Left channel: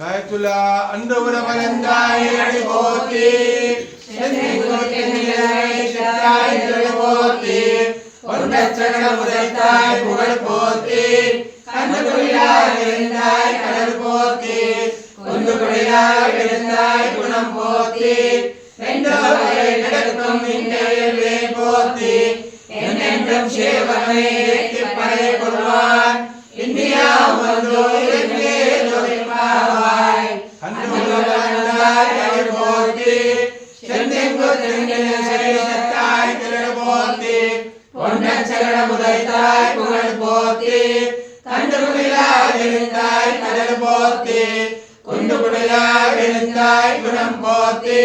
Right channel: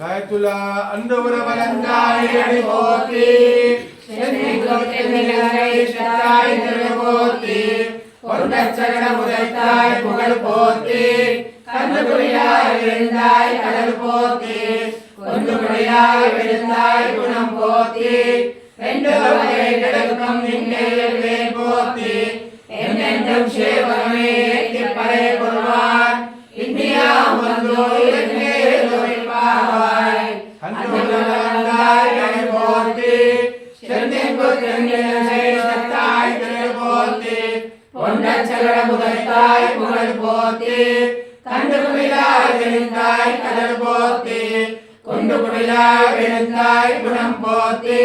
సాయతుల అండవర వలందాయ పోతి శనిగుతే నిలై శతాయ పోతి పొందచ్చగడ ముదైతాయ పుగళ్ పోతి కందుకుడియాయ విరిందాయ కడల్ పోతి కొందుకుడియాయ విరిందాయ గుణం పోతి రెండోయ జగత్తం నిన్నే పోతి ఎన్నెండం సేవమే తిప్పరే కుర్వాన్ ఇండియా మందో ఎన్నే దొరిపావాయ్ కందుకుడియాయ పోతి శనిగుతే నిలై శతాయ పోతి పొందచ్చగడ ముదైతాయ పుగళ్ పోతి కందుకుడియాయ విరిందాయ కడల్ పోతి కొందుకుడియాయ విరిందాయ గుణం పోతి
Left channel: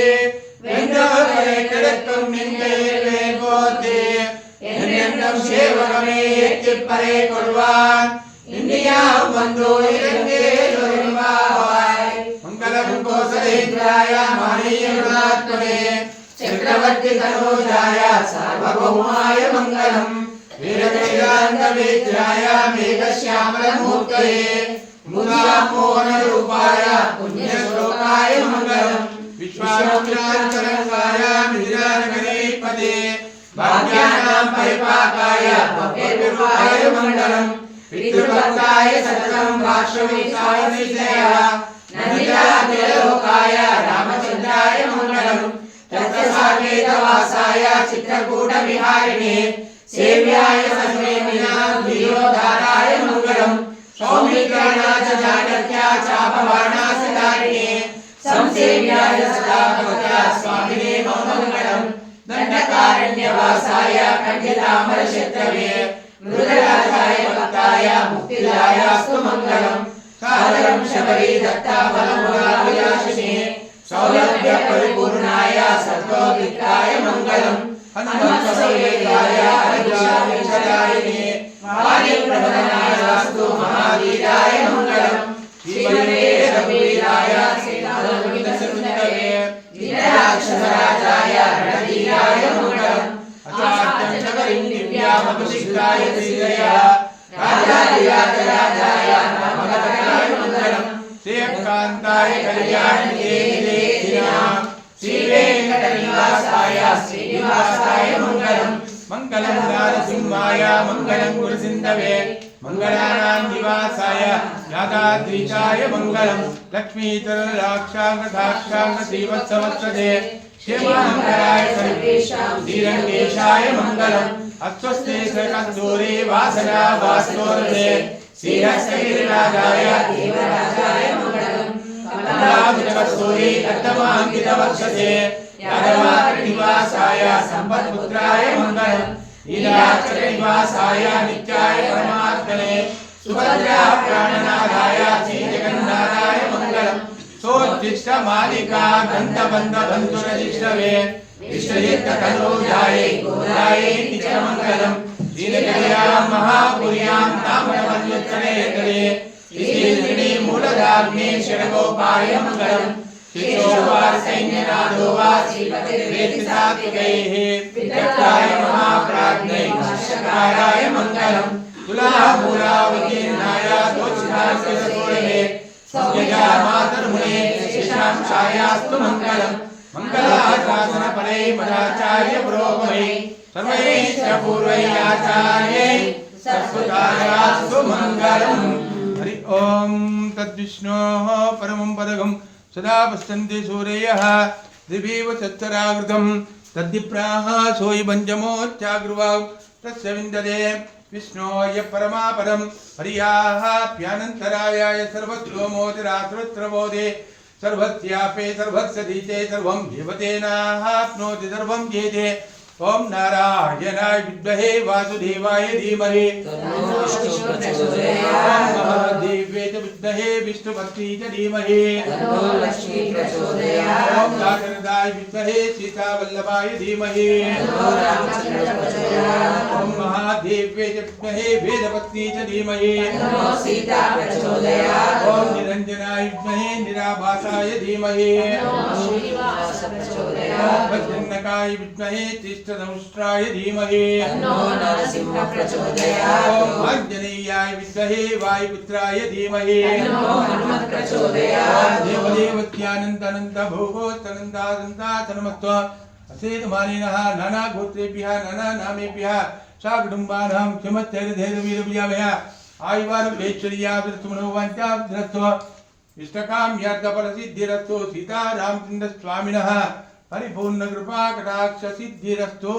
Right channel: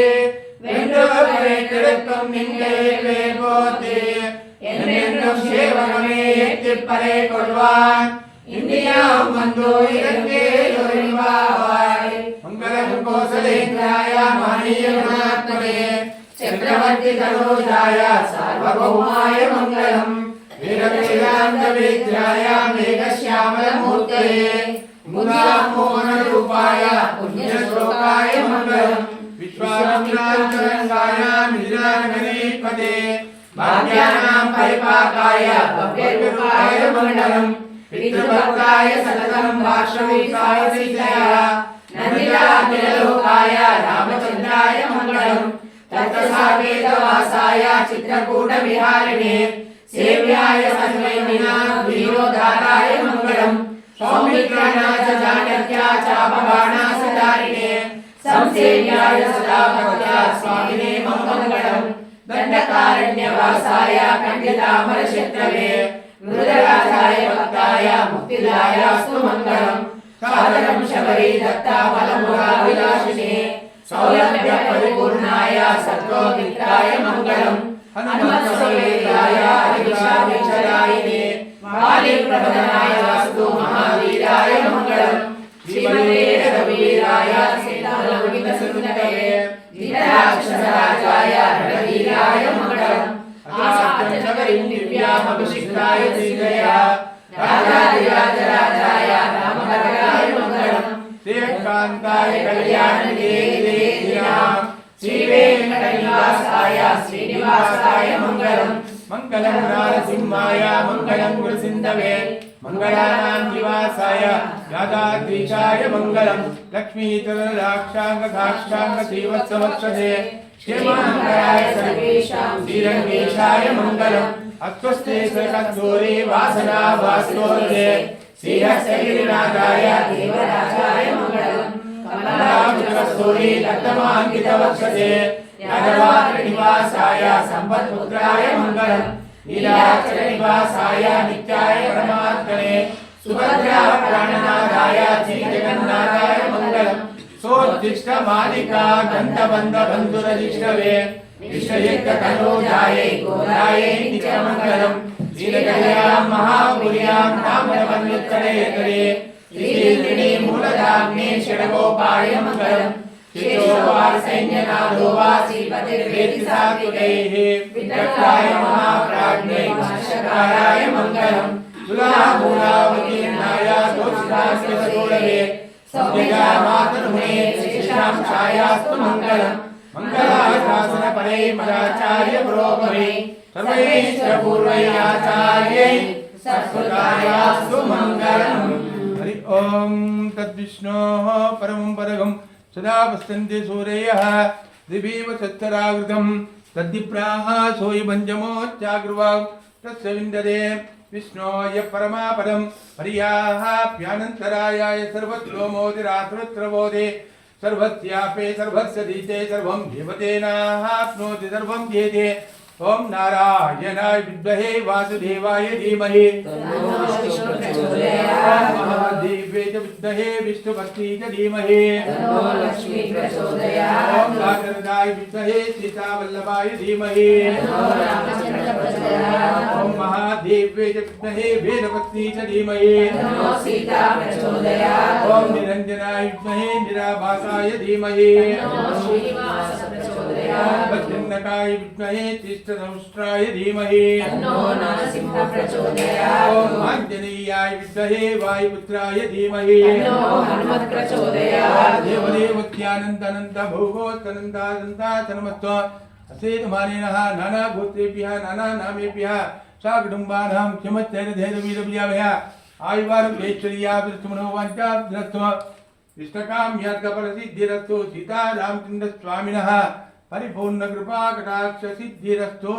రెండోయ జగత్తం నిన్నే పోతి ఎన్నెండం సేవమే తిప్పరే కుర్వాన్ ఇండియా మందో ఎన్నే దొరిపావాయ్ మంగళం కోసలేంద్రాయ మహనీయ గుణాత్మనే చక్రవర్తి తనూజాయ సార్వభౌమాయ మంగళం వీరశైలాంత వేద్యాయ మేఘశ్యామల మూర్తయే ముదామోహన రూపాయ పుణ్యశ్లోకాయ మంగళం విశ్వామిత్రాంతరంగాయ మిథిలానగరీపదే భాగ్యానాం పరిపాకాయ భవ్యరూపాయ మంగళం పితృభక్తాయ సతతం భాష్యవితాయ విజయ నందితాఖిలలోకాయ రామచంద్రాయ మంగళం తత్సాకేతవాసాయ చిత్రకూట విహారిణే సేవ్యాయ సర్వేమిన ధీరోధారాయ మంగళం సౌమిత్రనాచ చాణక్య చాపబాణాసధారిణే సంసేవ్యాయ సదా భక్త్యా స్వామినే మంగళం దండకారణ్యవాసాయ ఖండితామర శత్రవే మృదరాజాయ భక్తాయ ముక్తిదాయాస్తు మంగళం సాదరం శబరీ దత్తాఫలముగా విలాసినే సౌలభ్య పరిపూర్ణాయ సత్వమిత్రాయ మంగళం హనుమత్సవేదాయ అభిషాదిక్షయాయనే మాలిప్రవదనాయ వాస్తు మహావీరాయ మంగళం శ్రీమతే రఘువీరాయ సీతాలవితసుందరే ధీరాక్షసరాజాయ రణవీరాయ మంగళం అసాధ్యచకరిం దివ్యామభిషిక్తాయ శ్రీదయ రాజాదిరాజరాజాయ రామభద్రాయ మంగళం శ్రీకాంతాయ కళ్యాణనిధే శ్రీవేంకటనివాసాయ శ్రీనివాసాయ మంగళం మంగళం నారసింహాయ మంగళం గురుసింధవే మంగళానాం నివాసాయ రాధాద్రీశాయ మంగళం లక్ష్మీతరలాక్షాంగ శ్రీవత్సవత్సదే క్షేమమంగళాయ సర్వేషాం శ్రీరంగేశాయ మంగళం అస్వస్తే సకద్దోరే వాసనా వాస్తోరే శ్రీహస్తగిరిరాజాయ దేవరాజాయ మంగళం కమలాభినవస్తోరే అత్తమాంకితవక్షసే యాదవానివాసాయ సంపత్పుత్రాయ మంగళం నీలాచలనివాసాయ నిత్యాయ పరమాత్మనే సుభద్రా ప్రాణనాథాయ శ్రీజగన్నాథాయ మంగళం సోత్తిష్టమాలికా గంధబంధ బంధురజిష్ణవే విశ్వయుక్తతనోజాయే గోదాయే నిత్యమంగళం శ్రీలకల్యాం మహాపుర్యాం నామనమన్యత్తరేతరే శ్రీదేవిని మూలధామ్నే షడగోపాయ మంగళం శ్రీశోభాసైన్యనాథో వా శ్రీపతిర్వేది సాత్వికైః విదగ్ధాయ మహాప్రాజ్ఞై భాష్యకారాయ మంగళం తులామూలావకీర్ణాయ దోషితాస్యసూరయే సౌమ్యమాతనునే శేషాం ఛాయాస్తు మంగళం మంగళాశాసన పరై మదాచార్య పురోగమై సర్వైశ్చ పూర్వైరాచార్యై సత్కృతాయాస్తు మంగళం. హరి ఓం తద్విష్ణోః పరమం పదగం సదా పశ్యంతి సూరయః దివీవ తచ్చరావృతం తద్దిప్రాః సోయి పంచమోచ్చాగ్రువాం తస్య విందదే విష్ణోయ పరమాపదం హరియాఃప్యానంతరాయాయ సర్వత్రోమోదిరాత్రవోదే सर्वस्यापे सर्वस्य दीते सर्वं देवतेनाप्नोति सर्वं जेते ओम नारायणाय विद्महे वासुदेवाय धीमहि महादेव्ये च विद्महे विष्णुपत्नी च धीमहि ओम नारदाय विद्महे सीतावल्लभाय धीमहि ओम महादेव्ये च विद्महे वेदपत्नी च धीमहि ओम निरंजनाय विद्महे निराभासाय धीमहि वज्रनकाय विद्महे तिष्ठधनुष्ट्राय धीमहि तन्नो नरसिंह प्रचोदयात् आञ्जनेयाय विद्महे वायुपुत्राय धीमहि तन्नो हनुमत् प्रचोदयात् देवदेवत्यानन्दानन्द भोगोत्तनन्दानन्दातनमत्वा असेतुमानेनः नानागोत्रेभ्यः नानानामेभ्यः साकुटुम्बानां क्षमच्चैर्धैर्यवीरभ्याभ्यः आयुवारुलेश्वर्याभिरस्तुमनोवाञ्चाभिरस्तो इष्टकाम्यार्थफलसिद्धिरस्तो सीतारामचन्द्रस्वामिनः परिपूर्णकृपाकटाक्षसिद्धिरस्तो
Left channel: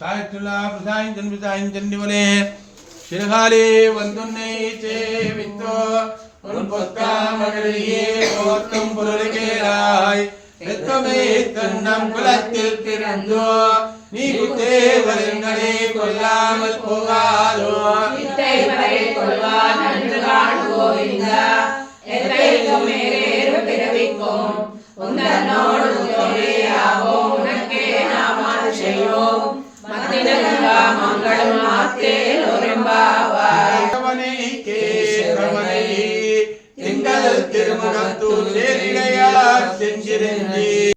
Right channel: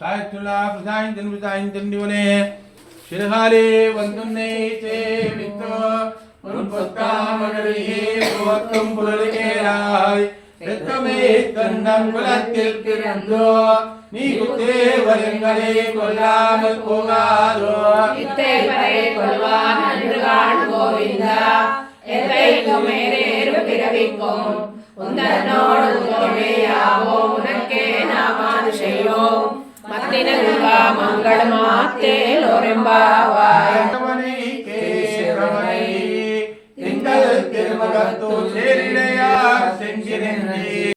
सायत्तुलाभसायञ्जन्वितायञ्जन्निवने शिरकाले वन्दुन्ने चे वित्तो मुन्पुत्तामगरिये गोत्तं पुरलिकेराय எத்தமே தன்னம் குலத்தில் பிறந்தோ நீ குத்தேவரங்களே கொல்லாமல் போகாதோ இத்தை வரை கொள்வான் அன்று காண் கோவிந்தா எத்தைக்கும் மேலேறு பிறவிக்கும் உந்தன்னோடு உதவியாவோ உனக்கே நாம் அது செய்வோம் மத்தினங்கா மங்களம் மாத்தேல் ஒரும்பாவாய் கவனை கேகவனை திங்கள் திருமுகத்தூர் சேர